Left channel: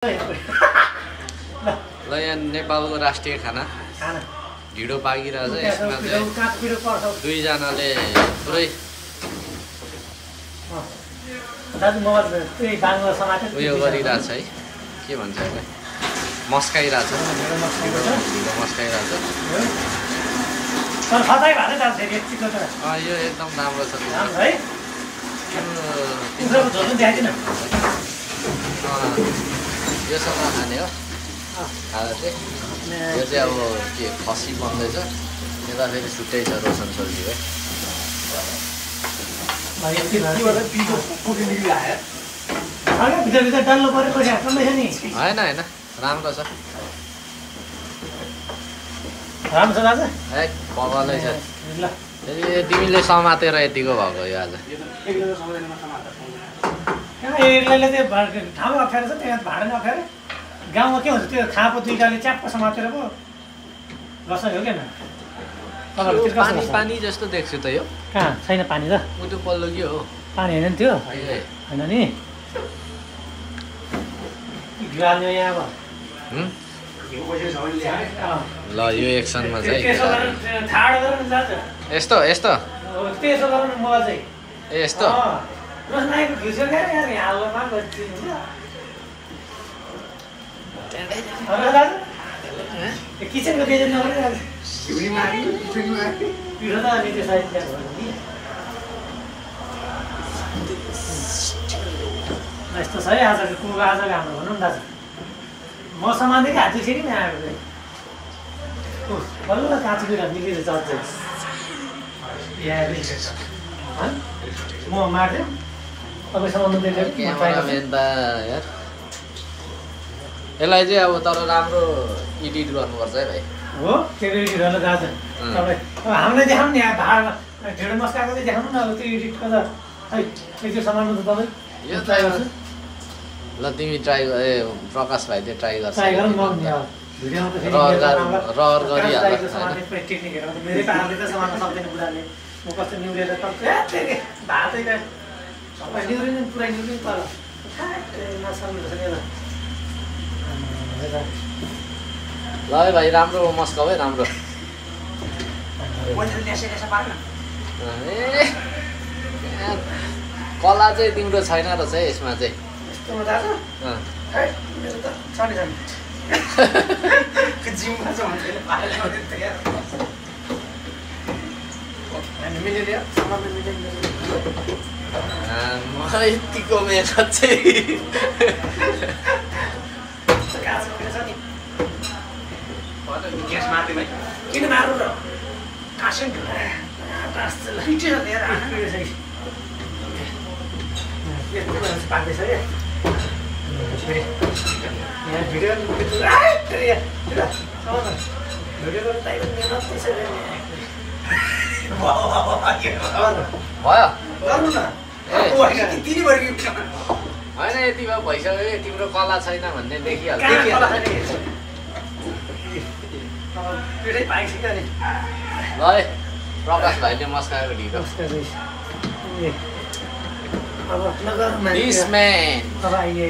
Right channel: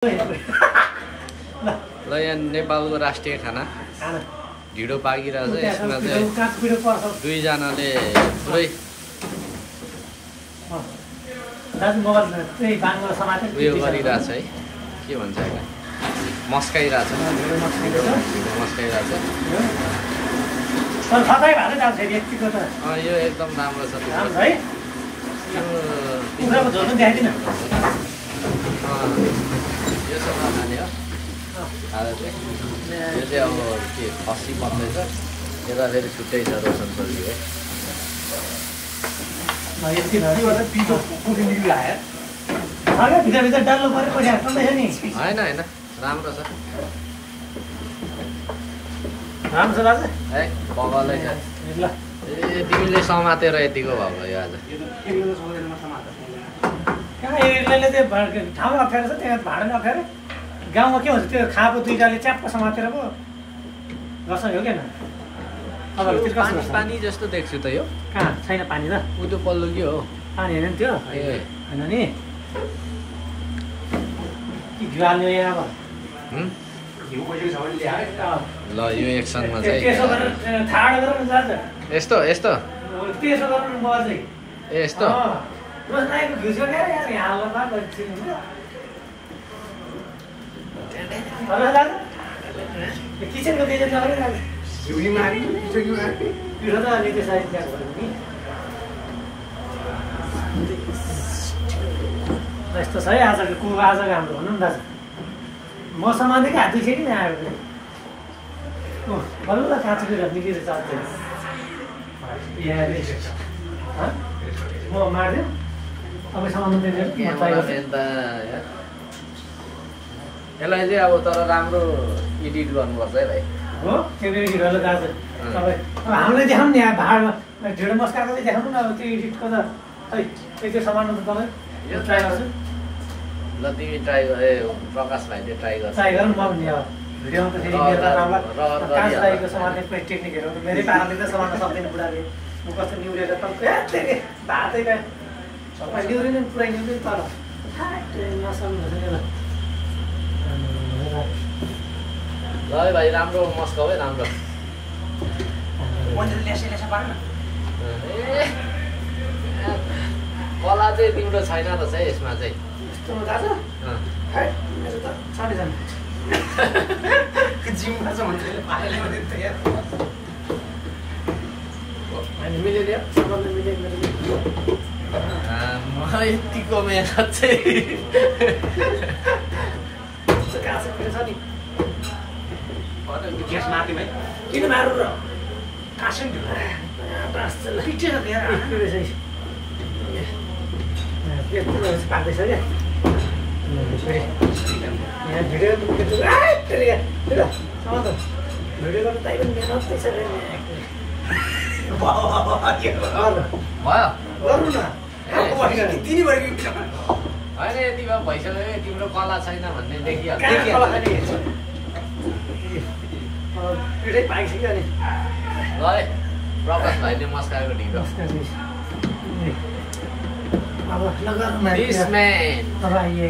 ल यहाँ नेपालको राष्ट्रिय खाना ढिँडो पाकिरहेछ। यसमा चाहिँ दुईजनाले पुरै उयो गरिरहेछ है, के भन्छ यसलाई, मस्काइरहेछ, ढिँडो मस्काइरहेछ। यो एकदम राम्रो छ। यो सब खाने हो खाना चाहिँ। यो चाहिँ अब के खसी बन्दैछ, यता फेरि छुट्टै छ रोशन सब्जी है। होइन होइन राम्रो छ, ए बगलै छ। ए तिमीले समातेर यतिको भएको यो आज। ठाउँमा अप्ठ्यारो छ, त्यहाँ भाडा नअप्ठ्यारो। गाउँमा के हुन्छ, त्यो खाएको दुईटाले च्याप्प समातेर पो बस्छ हो क्या। पानी पानी जस्तो देख्छु त यो। कहाँ छैन पानी त, उ त्यो पल्लो के हो, पानी होइन नि त्यो। ए होइन नि गाल्नु यहाँ अब। ल यो एक्सनमा चाहिँ यस्तो यस्तो त्यसो गर्नु म चाहिँ ए यस्तो किचनको यस्तो छ है आजको कुवा। आज राम्रो हुनु नि दाजु, म समातेको हात दुख्यो कि आएको बल्ल काँचो कुरा निकेर चल्छ। म मार्दियो तपाईँसँग यसलाई चाहिँ अब तर राम्रो एडिट गर्नुपर्छ है भाइ। हो त्यो एडिटहरू दाजु तपाईँ हामीलाई देखाउनु नि, यहाँ भाडा ढिँडो मस्काएको चाहिँ देखाउनु न। अब त्यो एडिटको त खै त्यो सामानमा त तपाईँ यो ट्राई गर्छु। ल तिमी ट्राई गर, ए प्रकाश भाइ चाहिँ ट्राई गर्छ। ट्राई गरौँ। म भिडियोमा त फेरि टेक्निकहरू मेरै पाराले त समात्न सक्दैन बुढाले। म कस्तो निहुरेर त भातै त सबै निहुरिनु पुरै निहुरिनु, तर ल है भाइ राम्रो मस्काउ है, राम्रो। कला चाहिँ तिम्रो छैन रहेछ है यसमा चाहिँ। यतिको मेहनत चाहिँ किन मारु र पाक्दैछ क्या यहाँ भिडियो भिडियो होइन यति भए भइसक्यो। तिम्रो कला छैन भन्ने देखिहाल्छ। पिठै पाइसक्यो नि। ल है प्रकाश भाइले मस्काएको ढिँडो। अब नगर This man. अब आइए